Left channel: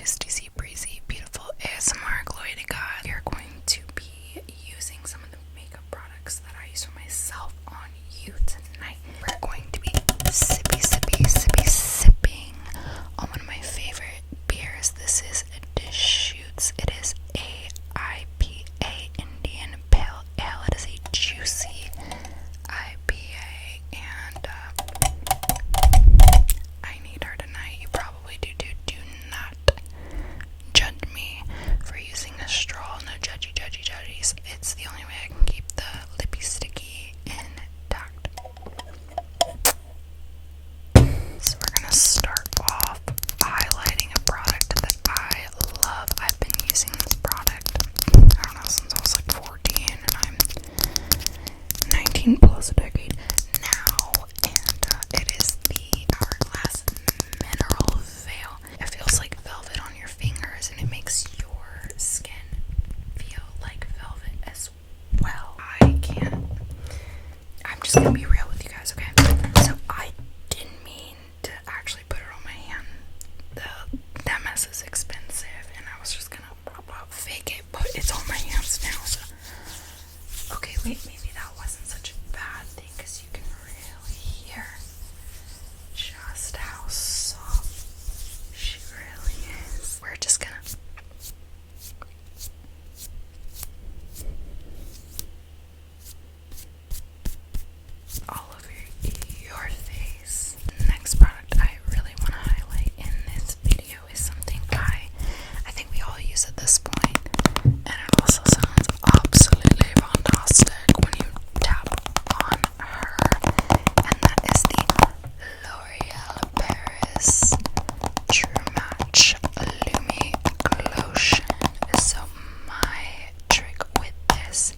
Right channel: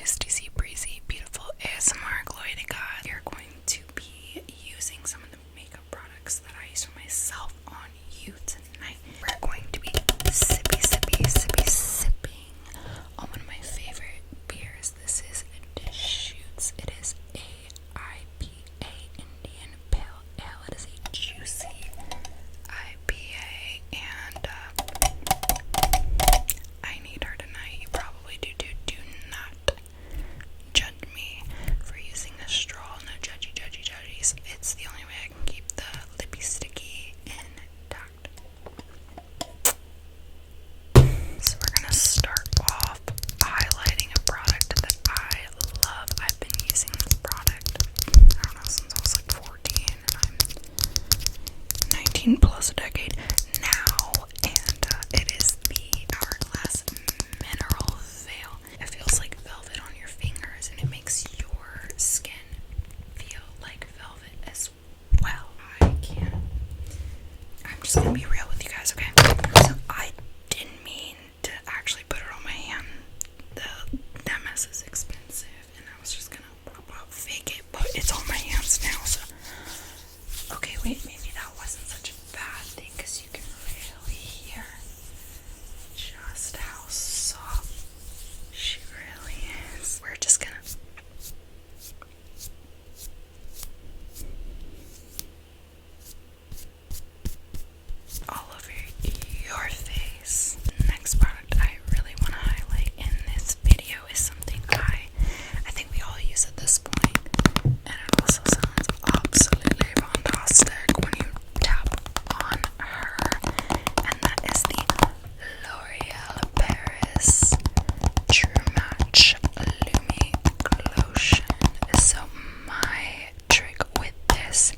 Tusty Sea Breezy, beautiful ASMR glowy to God. We are going to be using some of the makeup products that I use for myself on you tonight. We're going to be sipping on one of my favorite beers. This is Deschutes. It is IPA Indian Pale Ale. It is a juicy IPA, and I need her tonight. You probably do too. Do not judge me for using a straw. No judgies. It's the only way I can keep the lippy sticky intact. So we're gonna start off highlighting a product that I love. I've been using this product, I don't know, since I was like 14, and I'm 19 plus a decade now, and it is the HourGlass Mineral Veil. It feels like velvet on your fingers, and it makes your skin feel like velvet as well. I'm just gonna be real with you guys, okay? So I didn't mean to actually put it on my hand. That mess is expensive, and I was just gonna fake it, but it's on my hands now, so okay, wait, maybe that wasn't such a bad thing, because you can really hear just how soft she really is. We're just gonna all over your face. Next product I really want to highlight in this video is something I think we all use at this point, and it also sounds absolutely fantastic when you tap on her, and that is the L'Oreal Paris True Match Lumi Glotion. So my trick with this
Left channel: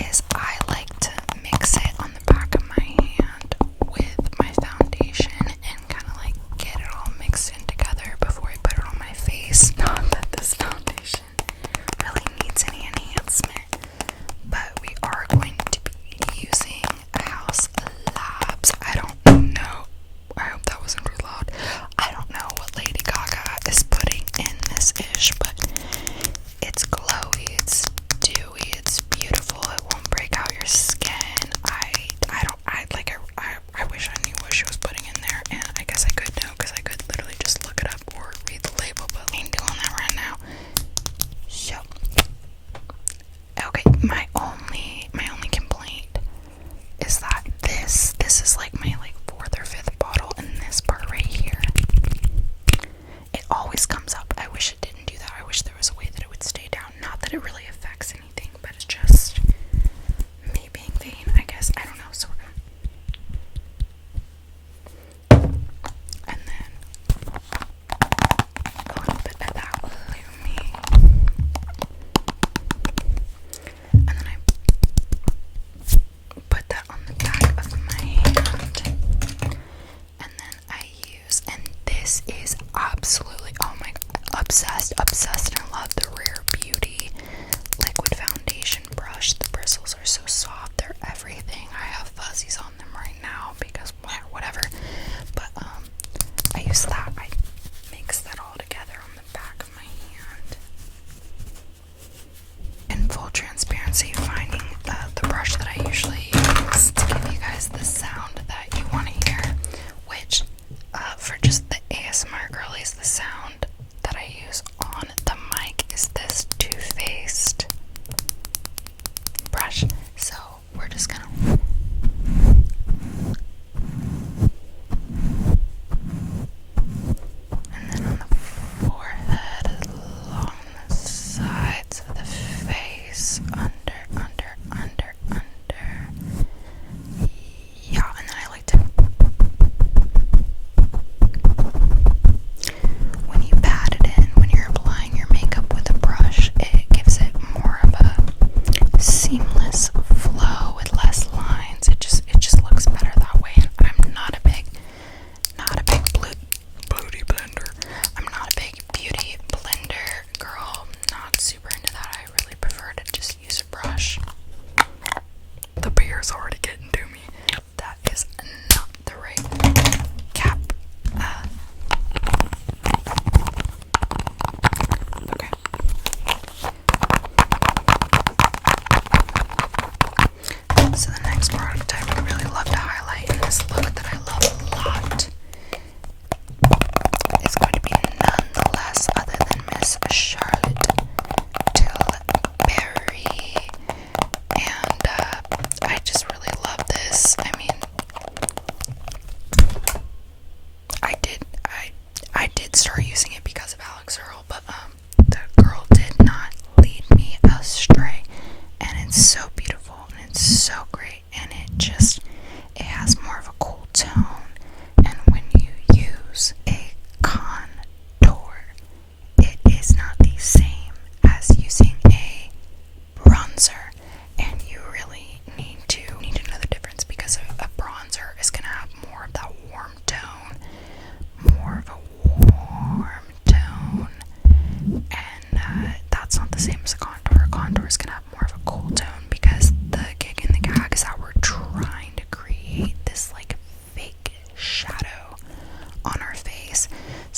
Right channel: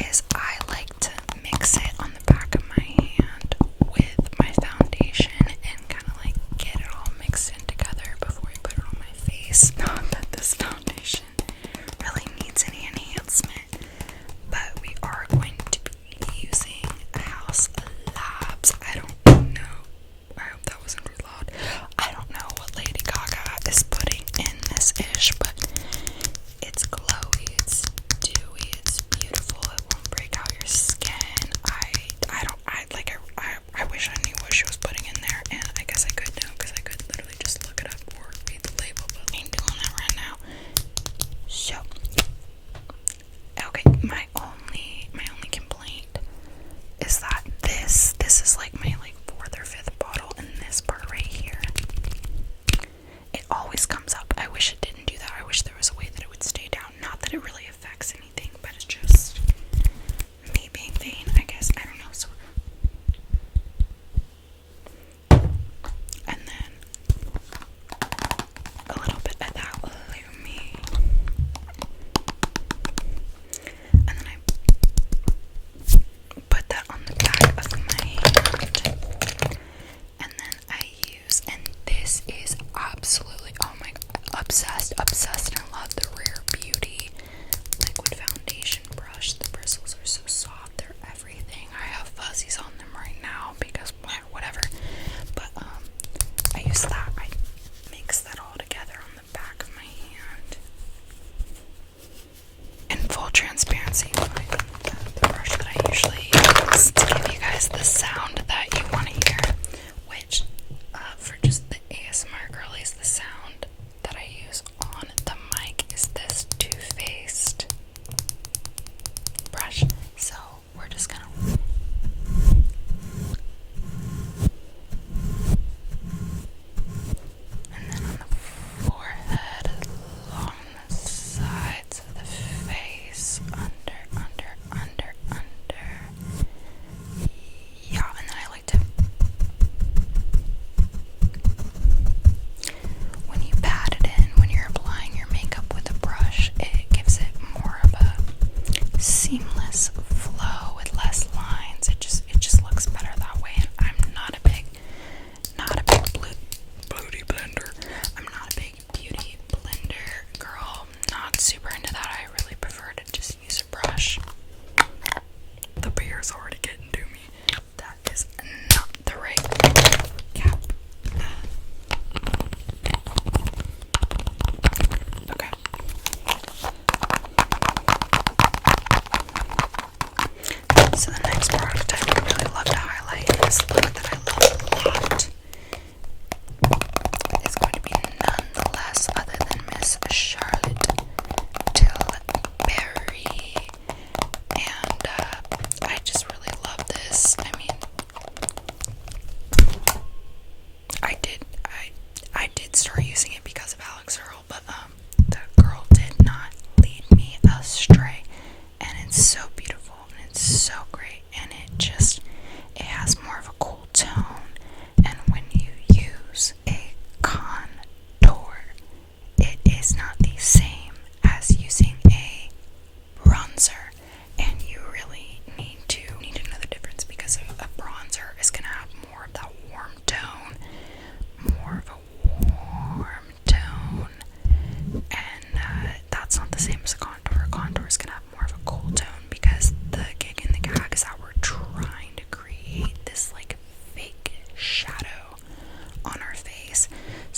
is I like to mix it on the back of my hand with my foundation and kind of like get it all mixed in together before I put it on my face. Not that this foundation really needs any enhancement, but we are going to be using Haus Labs. I don't know, I hope that wasn't too loud. I don't know what Lady Gaga is putting in this ish, but it's glowy, it's dewy, it's beautiful, it won't break out your skin. I wish I knew what she was putting in there, and I guess I could know, because I could literally just look it up or read the label, but I ain't doing that right now. So, okay, my only complaint is that this is like my fourth or fifth bottle, and this part right here, it always comes up. I wish it didn't do that. I wish there was a way that it would stay down. Not that it really affects anything, but it's just me being vain, I guess. I don't know. So we're gonna, and then a little bit of that Lumi, and then I put that on the back of my hand, and then I use, and this is absolutely, oh my god, obsessed, and I love the Rare Beauty liquid foundation brush. The bristles are so soft, they're everything. I have fuzzies on them right now because whatever, but I use that. I mix that all together on the back of my hand. In full transparency, finding the brush that I usually use to give you guys the sound that you want to hear, which for just the ASMR girlies, the sound that I use on the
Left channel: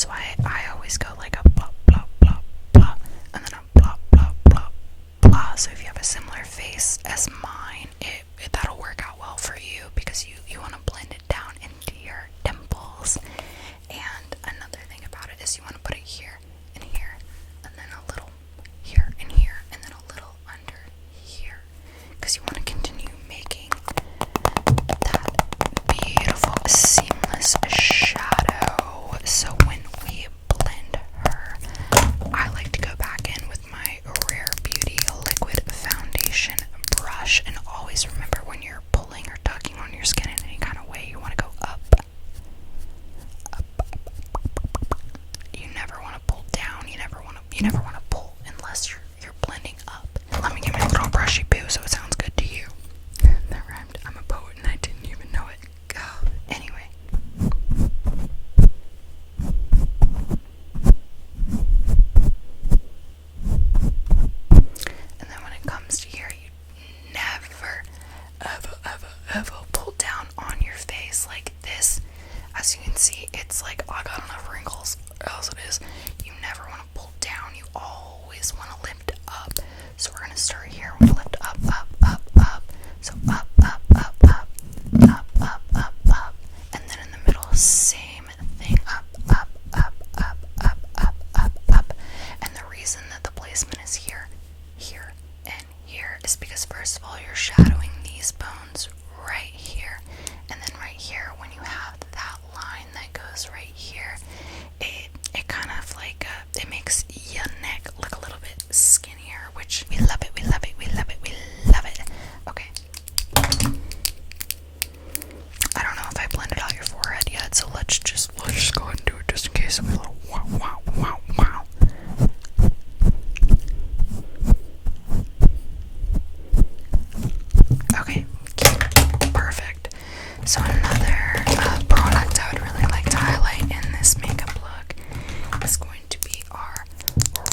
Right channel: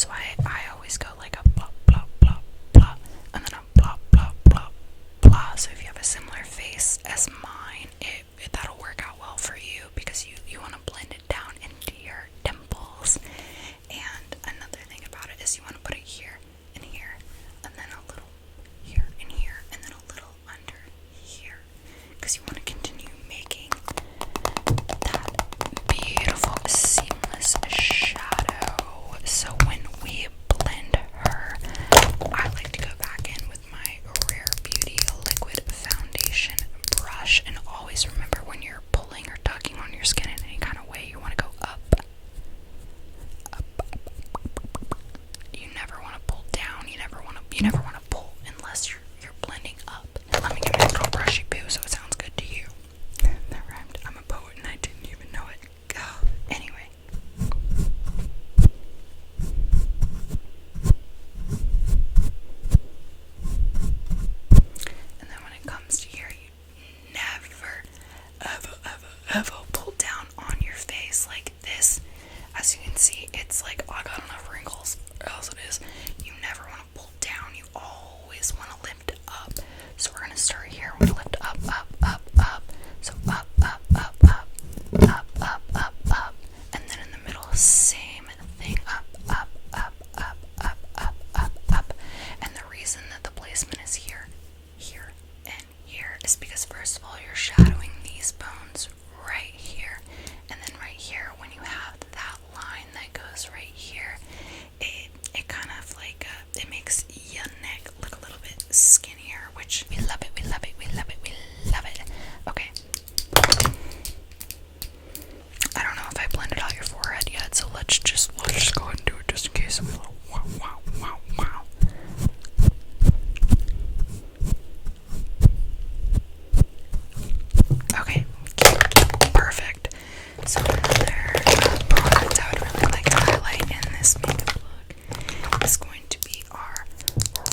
So I always go like a blah, blah, blah, blah, and then a blah, blah, blah, blah. So if you have a similar face as mine, that'll work out well for you because you want to blend it down into your dimples. And another thing about it is you want to put it here and here, and then a little here and here, and then a little under here, because you want to continue making that beautiful seamless shadow. So when we blend her, I like to go back in with my Rare Beauty liquid foundation brush, and always remember when you're pulling or tugging on your skin in any kind of way, you want to go up. You never want to pull down. You never want to pull unless you're blending up. Let me get my little brushy poo so it sounds good to you. That rhymed. I'm a poet and I didn't even know it. Anyway. And then when it comes to here, you never, ever pull down on your face like this. As you can see, it's like, oh, I got enough wrinkles, or else it is. You never want to pull down. You always want to lift up. So we're going to start here. We're going to lift up, up, up, up. So up, up, up, up, up, up, up, up. And then in the middle, same thing. Up, up, up, up, up, up, up, up. And the reason that the placement is here, here, and here is because first of all, you're shadowing these bones right here. And then right here, when you have that line that goes right here, it kind of like, it makes your neck look a little bit skinnier, which we love it, we love it, we love it, we love it. Okay. I don't know if I blended out your forehead yet, so let's just go ahead and do it just in case. A little wow, wow, wow, wow. Okay, perfect. So another product I would really like to highlight in this makeup look is going to be our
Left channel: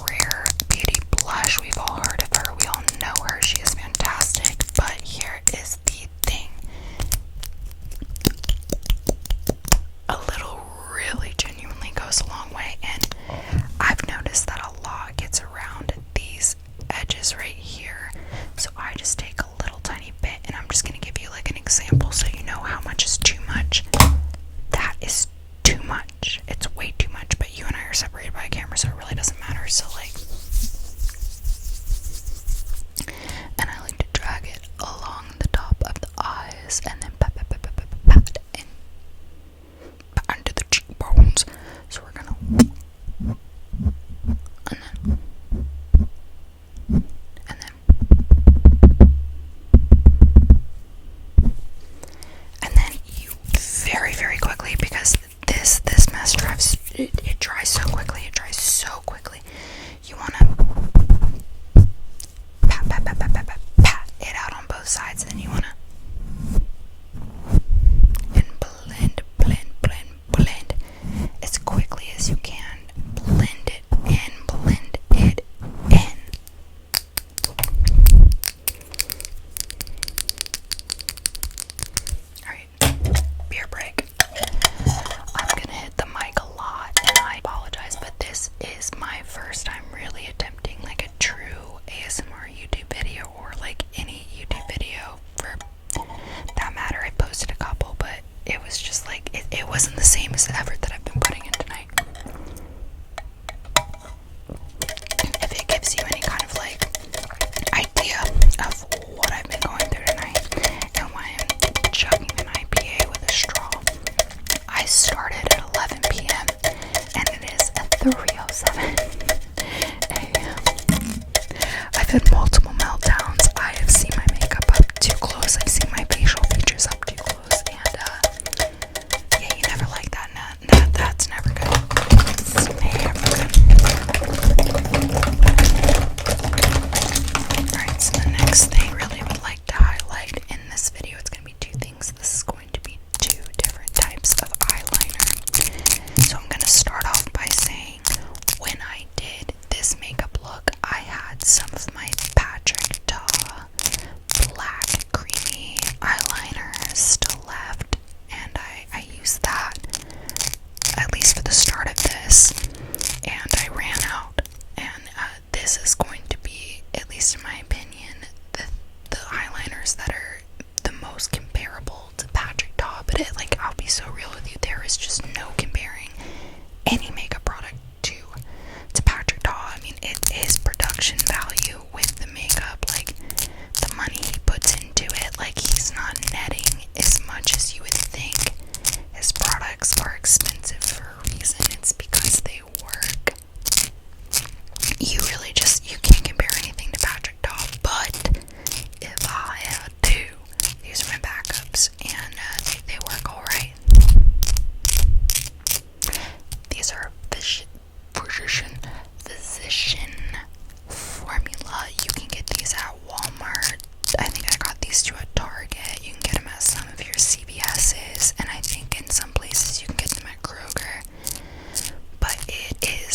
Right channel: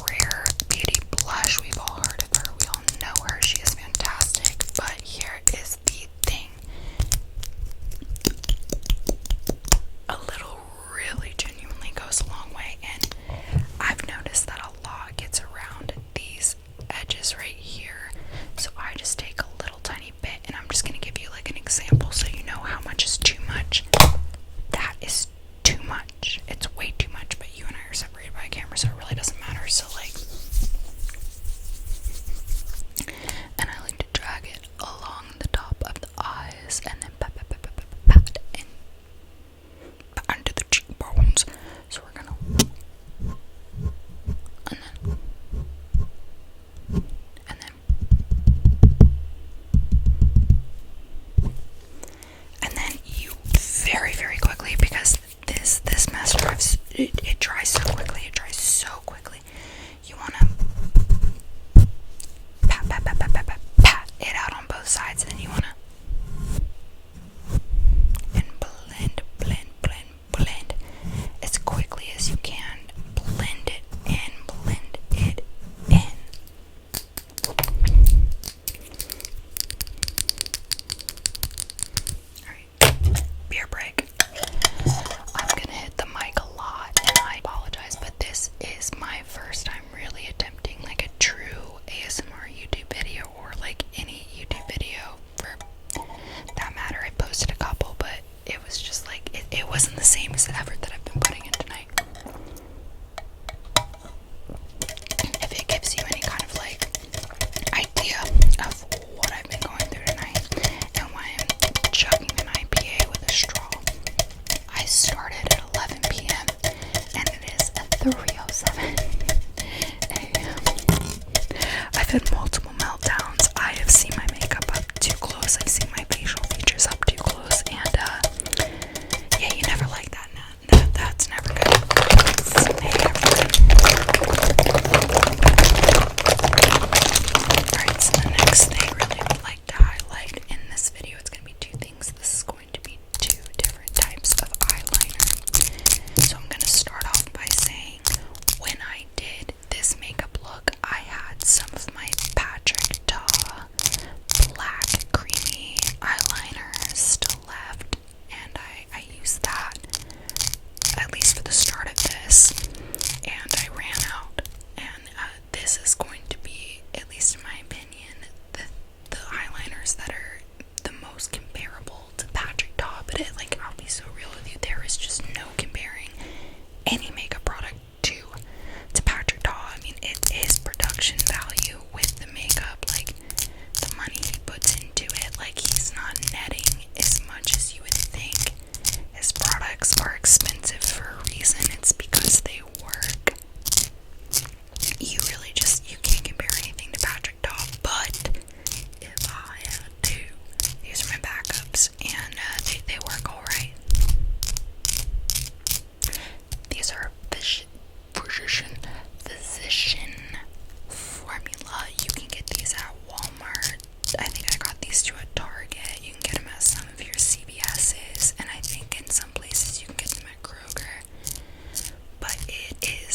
Rare Beauty blush. We've all heard of her. We all know her. She is fantastic. But here is the thing. A little really genuinely goes a long way. And I've noticed that a lot gets around these edges right here. So I just take a little tiny bit, and I'm just going to give you like an example so you know how much is too much. That is too much. It's way too much, but you and I are separated by a camera, so it really doesn't matter. So like, and I like to drag it along the top of the eyes, and then pat and under the cheekbones. So we're gonna, and then you very, very quickly, because this mascara, it dries so quickly. It dries so quickly. You want to pat it out on both sides, and then you want to blend as quickly as you can. Blend it in. Alright, beer break. I'm gonna hit the mic a lot, and I apologize, but this is my first time really attempting like a true ASMR YouTube video, or like any YouTube video for that matter. I posted a couple, but it was just like, it wasn't the same as the effort that I've been putting in tonight. If it gives you any kind of like idea of what I've been going through tonight and why I'm chugging an IPA with a straw, I started at 11 p.m. and it is at 3:07 a.m. I've had multiple meltdowns. I have seen my makeup up too close. I've seen my facial features up too close, and yeah, you never like that. That's never good. It's never good. Alright, so the next thing I really would like to highlight in this video, it's going to be two things. This is going to be two different types of eyeliner. So I'm going to start off by saying, when I did this makeup look, I had some of my patch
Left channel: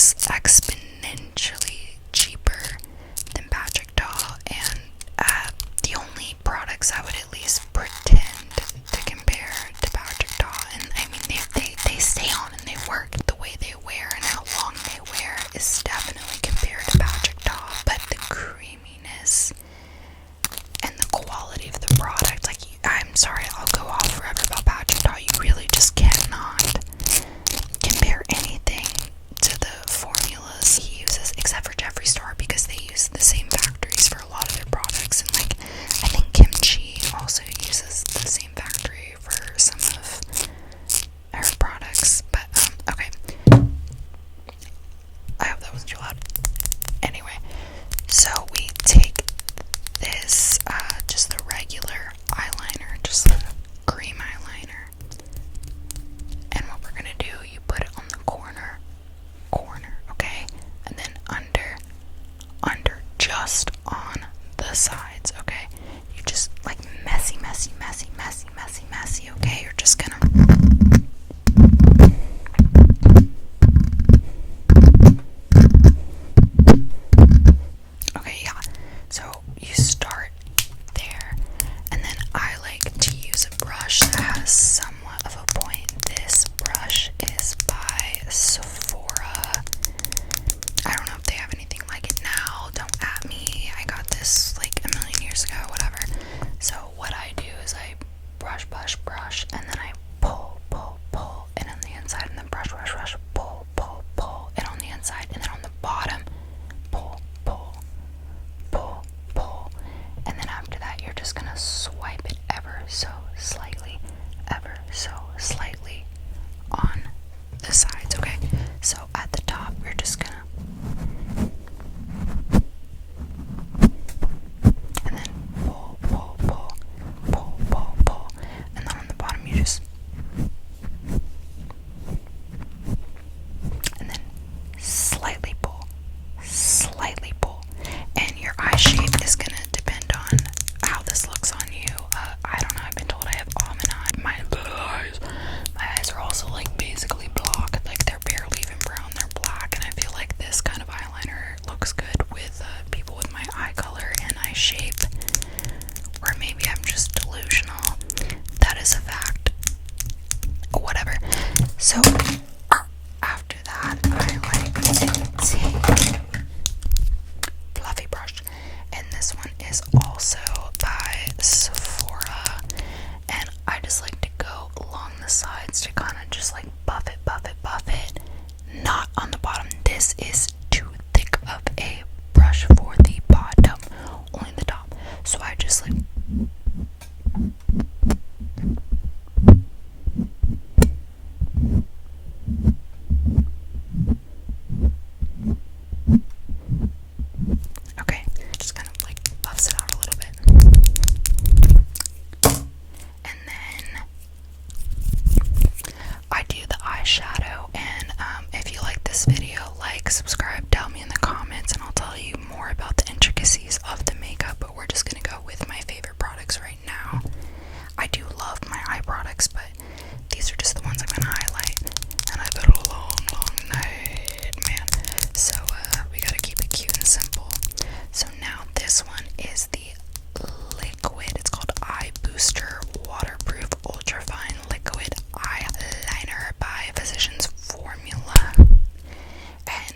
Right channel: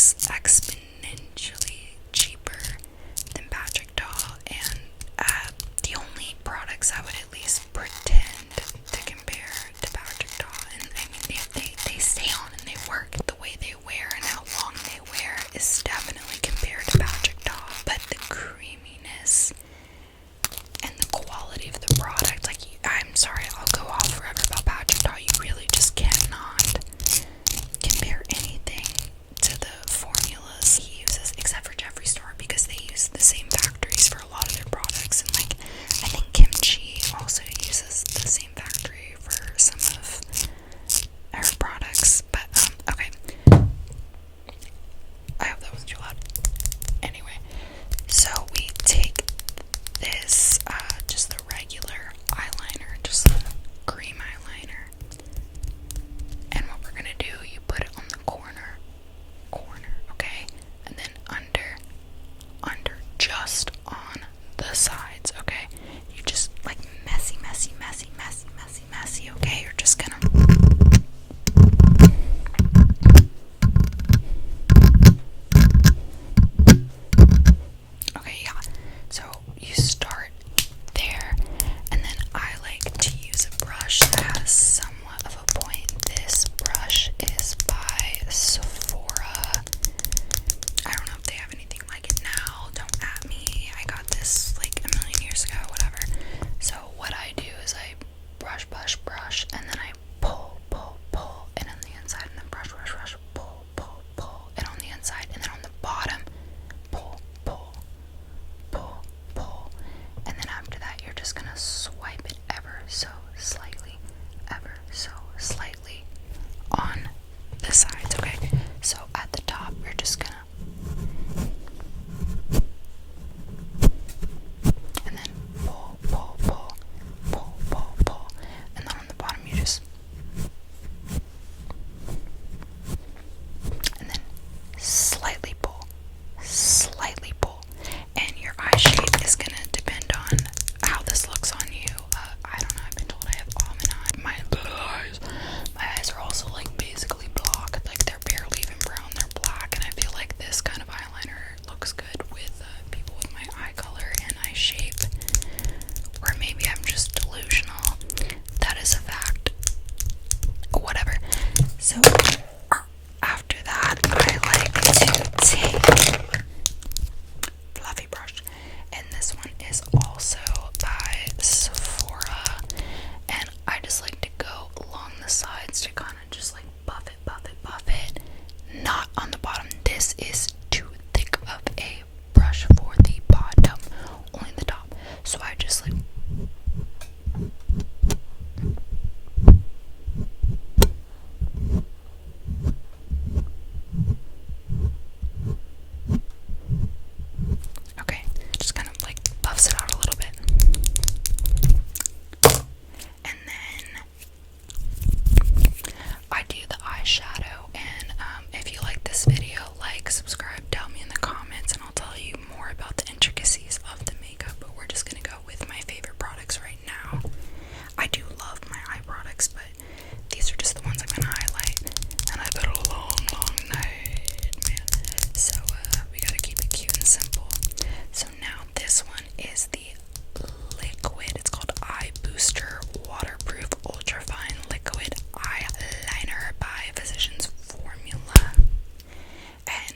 is exponentially cheaper than Patrick Ta, and the only products I would at least pretend to compare to Patrick Ta, and I mean they stay on and they work. The way they wear and how long they wear is definitely compared to Patrick Ta, but the creaminess and the quality of the product, like, I'm sorry, I'll go off forever about Patrick Ta. You really just cannot compare anything to the formulas he uses, except for Jeffree Star, because they use the same factories for a lot of their products, and like I think Kimchi also uses the same factory for some of her products. But okay, I hope that wasn't too loud. Anyway, so we take this just the regular eyeliner, just the cream eyeliner, and what we're gonna do, you put it on the corner, okay, and then under, just on the sides, okay. You just like messy, okay. You're just gonna okay, yeah. So you start there, and then I like to use a brush that has somewhat of a point. This brush is by Sephora. I don't know if they have anything like it now. Don't at me. I got this like a million years ago, whatever. So what I do is I brush, and then I pull, and on the inside, and then brush, pull, and on the inside, and then on the bottom, pull, and then after that, you're just gonna swipe it ever so slightly on the sides, okay? So at the top, you're just gonna, and then pull, and then on the bottom, you just, and then slightly pull, and your eye shape is gonna depend on how this looks on you. I don't know, I've been told I have almond eye. My eyes are also like basically blocked, like they're barely even brown, they're black, and I feel like this kind of eyeliner looks good with people with my eye color and eye shape, or maybe I'm just delusional. That is a fact. Whatever. So after that, I like to take fluffy brush, and this one is also by Sephora, and I just like to go along the sides to kind of just like buff it, not on the bottom. This is too thick of a brush for the bottom, only the top, so I just like okay, just kind of like buffs it out a little bit. And then I do the eyeshadow, and if you like this video, like, subscribe, tell me in the comments, and I'll tell you more about the intricacies of the makeup, but we're just gonna go with my favorite products right now. I do love my eye products, but these are just the ones I'm gonna highlight, and I've had a long night, man, so we gotta keep it cute and simple. So now this one is the liquid, it's called Eye Booster Waterproof Ultrafine Liquid Eyeliner by Physicians Formula, and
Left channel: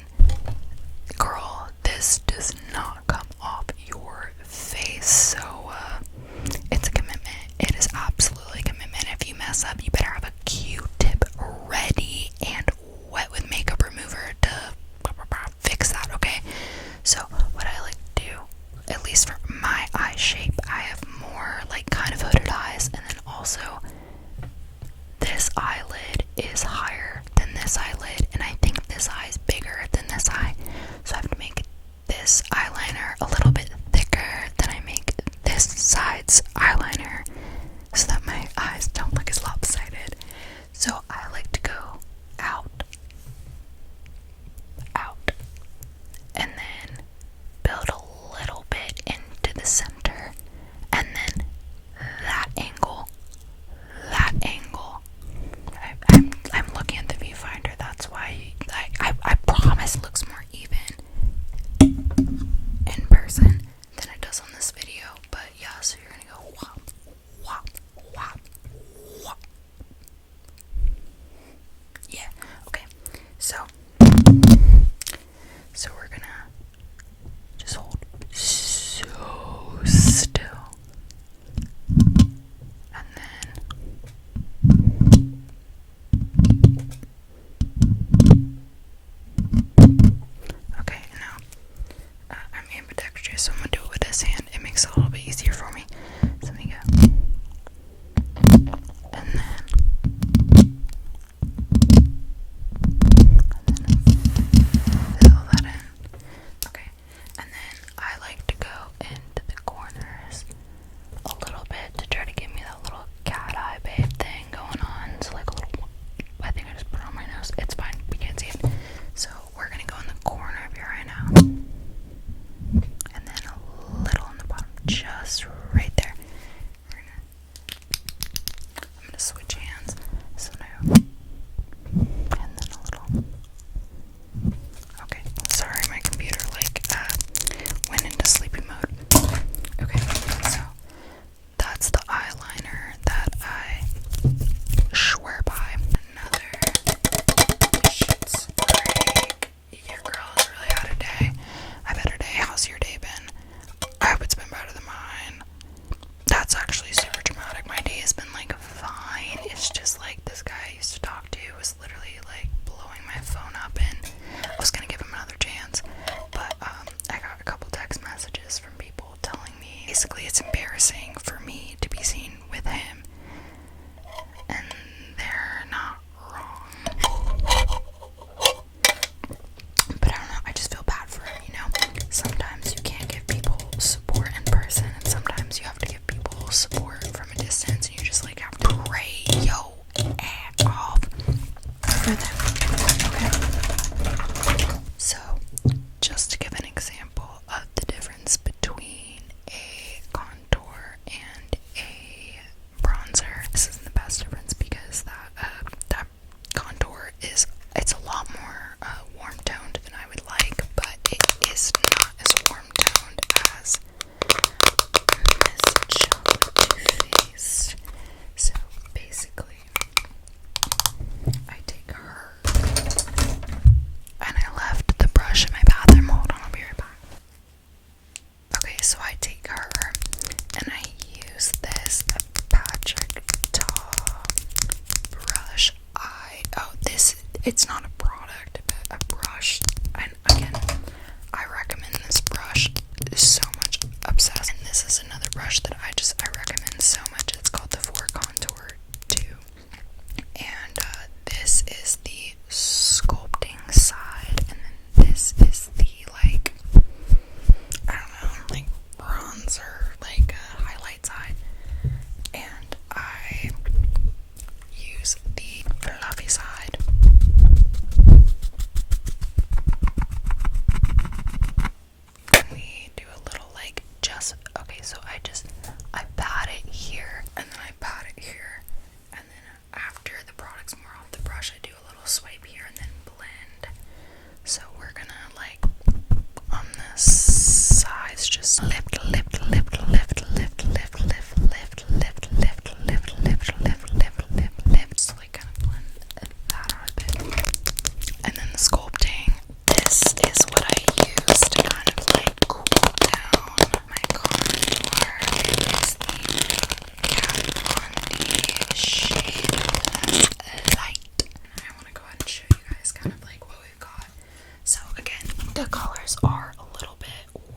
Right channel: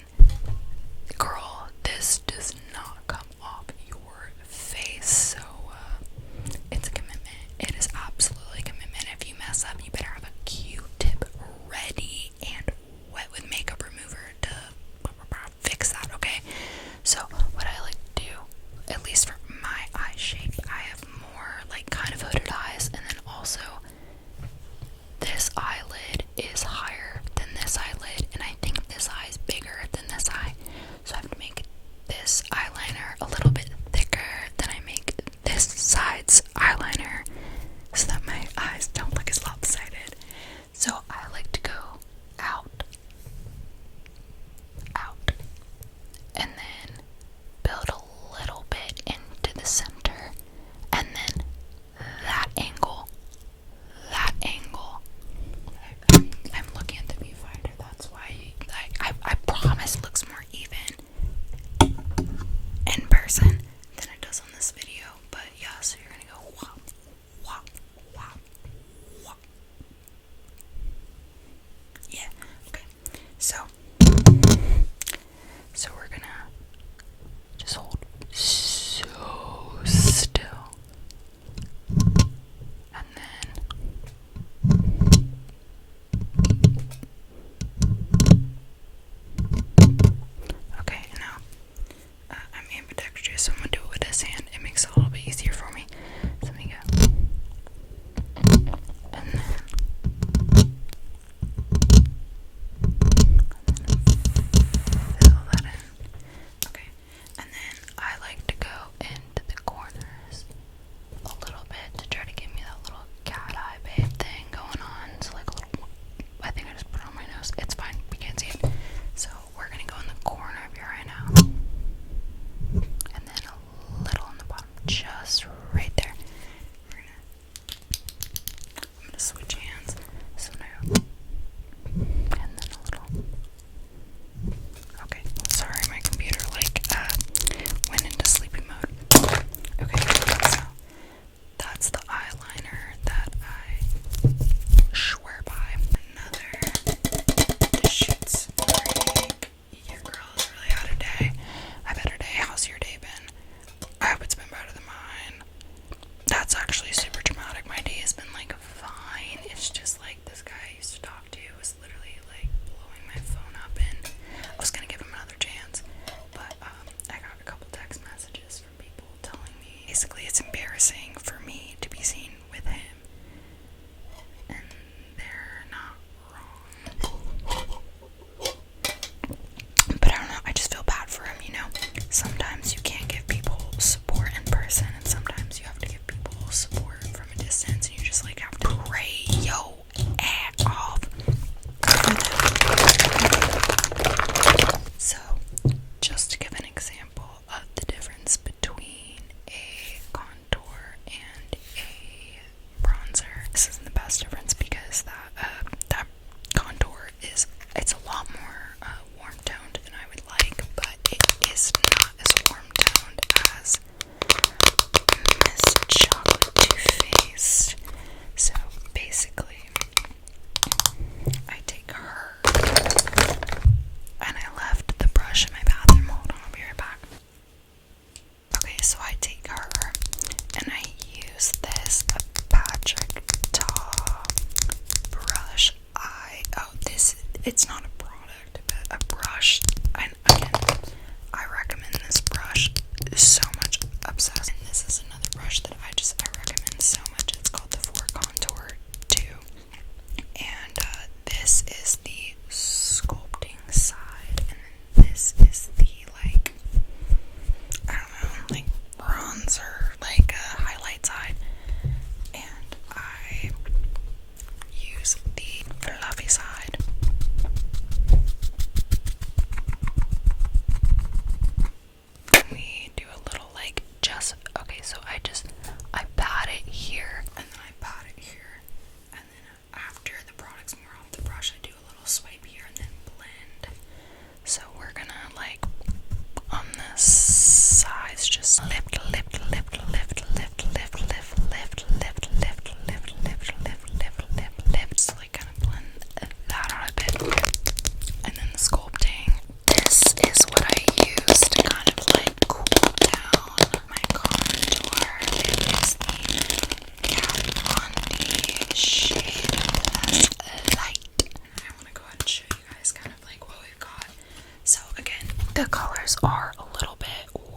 The colors are a little bit,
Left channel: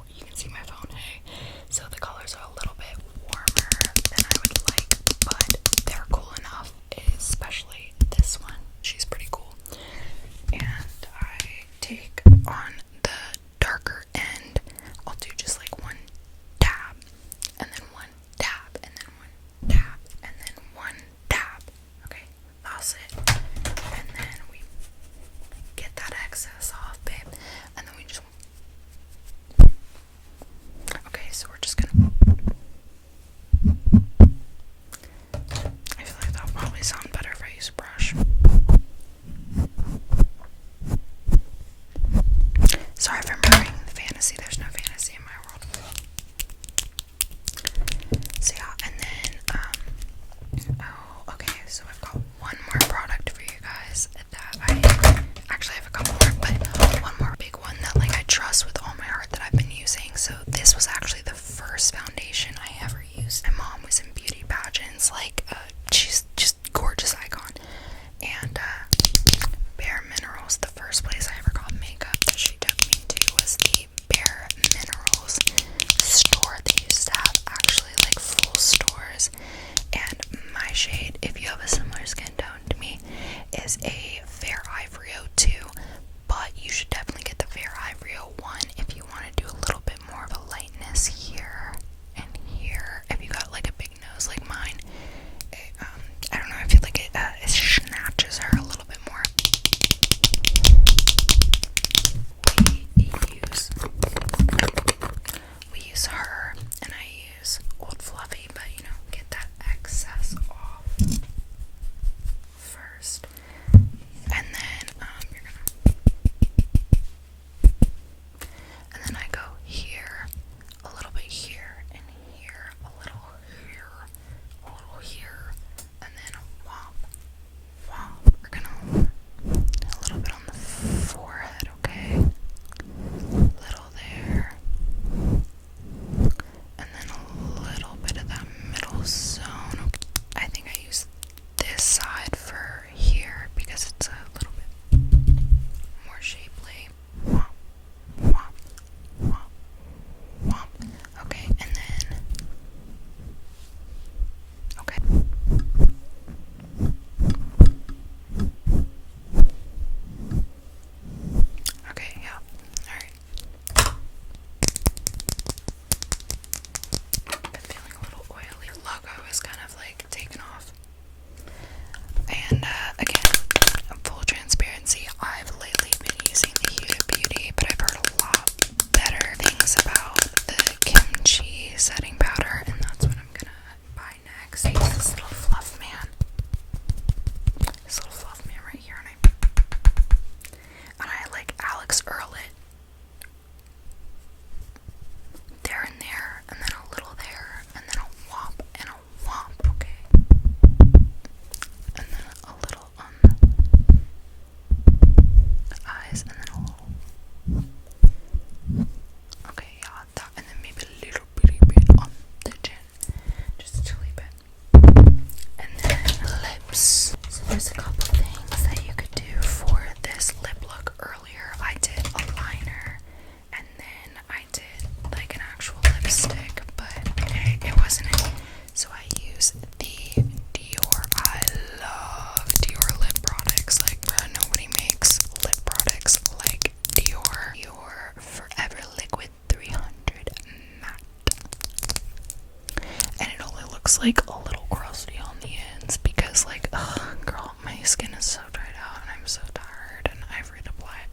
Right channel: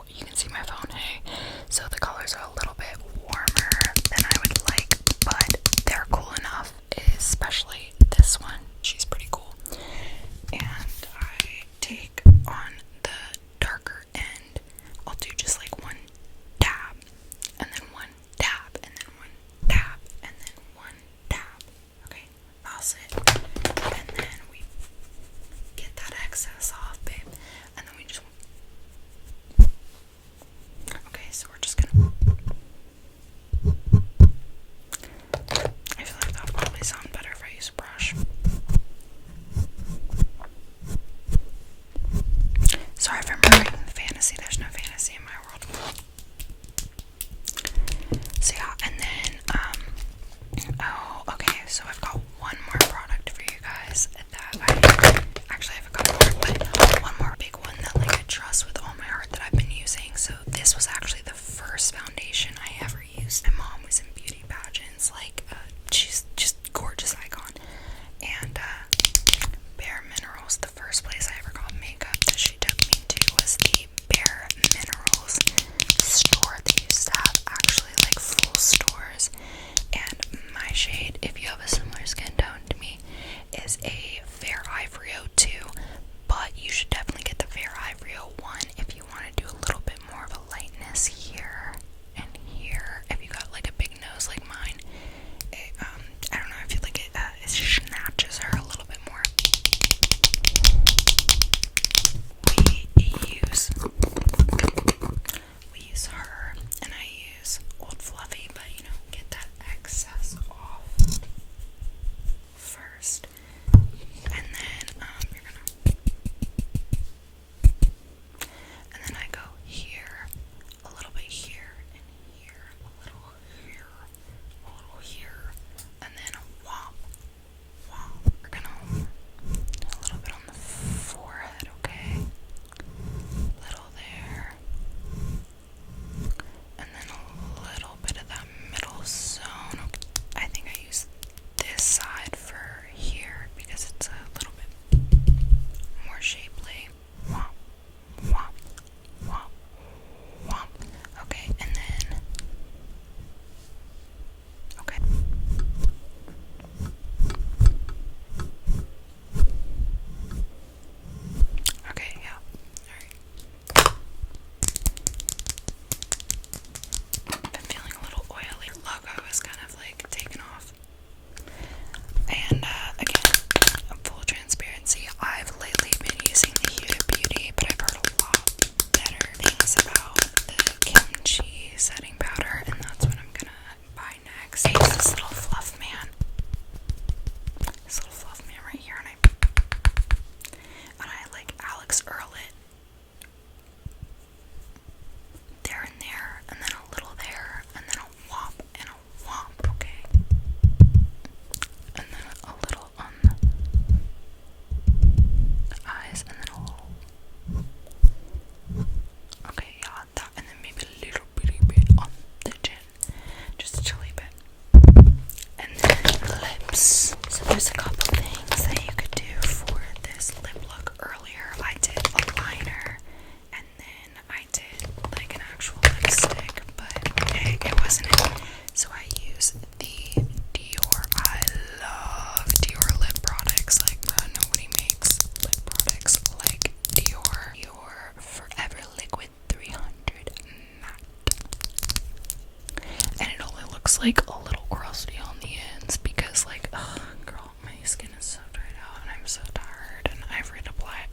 you can see my phone, hey? So the colors are a little bit warmer than I would like, but they're cool enough, especially this one. She's pretty cool. And I take on the darker end, I'll do just like one dab, and then one dab, and then one dab, and then one dab. Okay, that's it. And then we get that excess off, babe. And then we just... Okay, so we're just gonna... I feel like that'll probably sound better if I use a brush. Sorry if I'm ruining the fantasy. There's no fantasy in my world. So yeah, and then, oh, okay, so I've got one more product for you guys that actually I have a couple more, but one more big one that like I trust with all my heart that I've been using. So this was actually the first foundation I ever used. My mom was in beauty pageants, like, she's just gorgeous icon. And, Bare Minerals, the first place I ever got makeup that she took me to was the Bare Minerals store. They used to have actually like full stores. And my shade, if you have a similar skin tone to me, is a Fair Ivory 02, but you should definitely get the Fair Ivory 01 if you want to do a little bit more of a lightness here and here. If you got like a big nose like mine, I don't know, I feel like it snatches her a little bit more. We use her, and I use Old Fluffy, but you know, get that excess off first, and then you're gonna, and then I go here, a little bit here, and here, a little here, a little here, and then whomp, whomp. We're gonna a little bit on the forehead, okay? Little there, and then a little bit of that middle zone. I think I use this side for here because it's a little bit more shapely. Womp, womp, womp, womp. Okay, and then, okay. Okay, yeah, alright. Been feeling a little oily. Logo is kind of like taken off. And again, full transparency, I've lately been using the Huda Beauty, but I've heard a lot better things about the kimchi setting powder, and that's what I'm gonna buy next. I use this little fluff man. This little fluff man right here, and I like Alex Earl it. There and there, and then a little there, and then a whomp and a whomp, okay? And then a little on the eyes, and then a little. Okay, yeah, that, and then maybe a little bitty bit on the chin. Just a chilly bit. And then lips. So there's a couple things that you could do for this lip look earlier. I did a liner, and then I did like an actual lipstick, but it wasn't it. So I use the Dior. I love Dior lip products. Like, nobody makes lip products like Dior. Dior Forever Liquid 300 Matte. And it only looks like a little crusty on the ends because, like, ugh, girl, my skin is so dried out and I'm so tired, and I've reapplied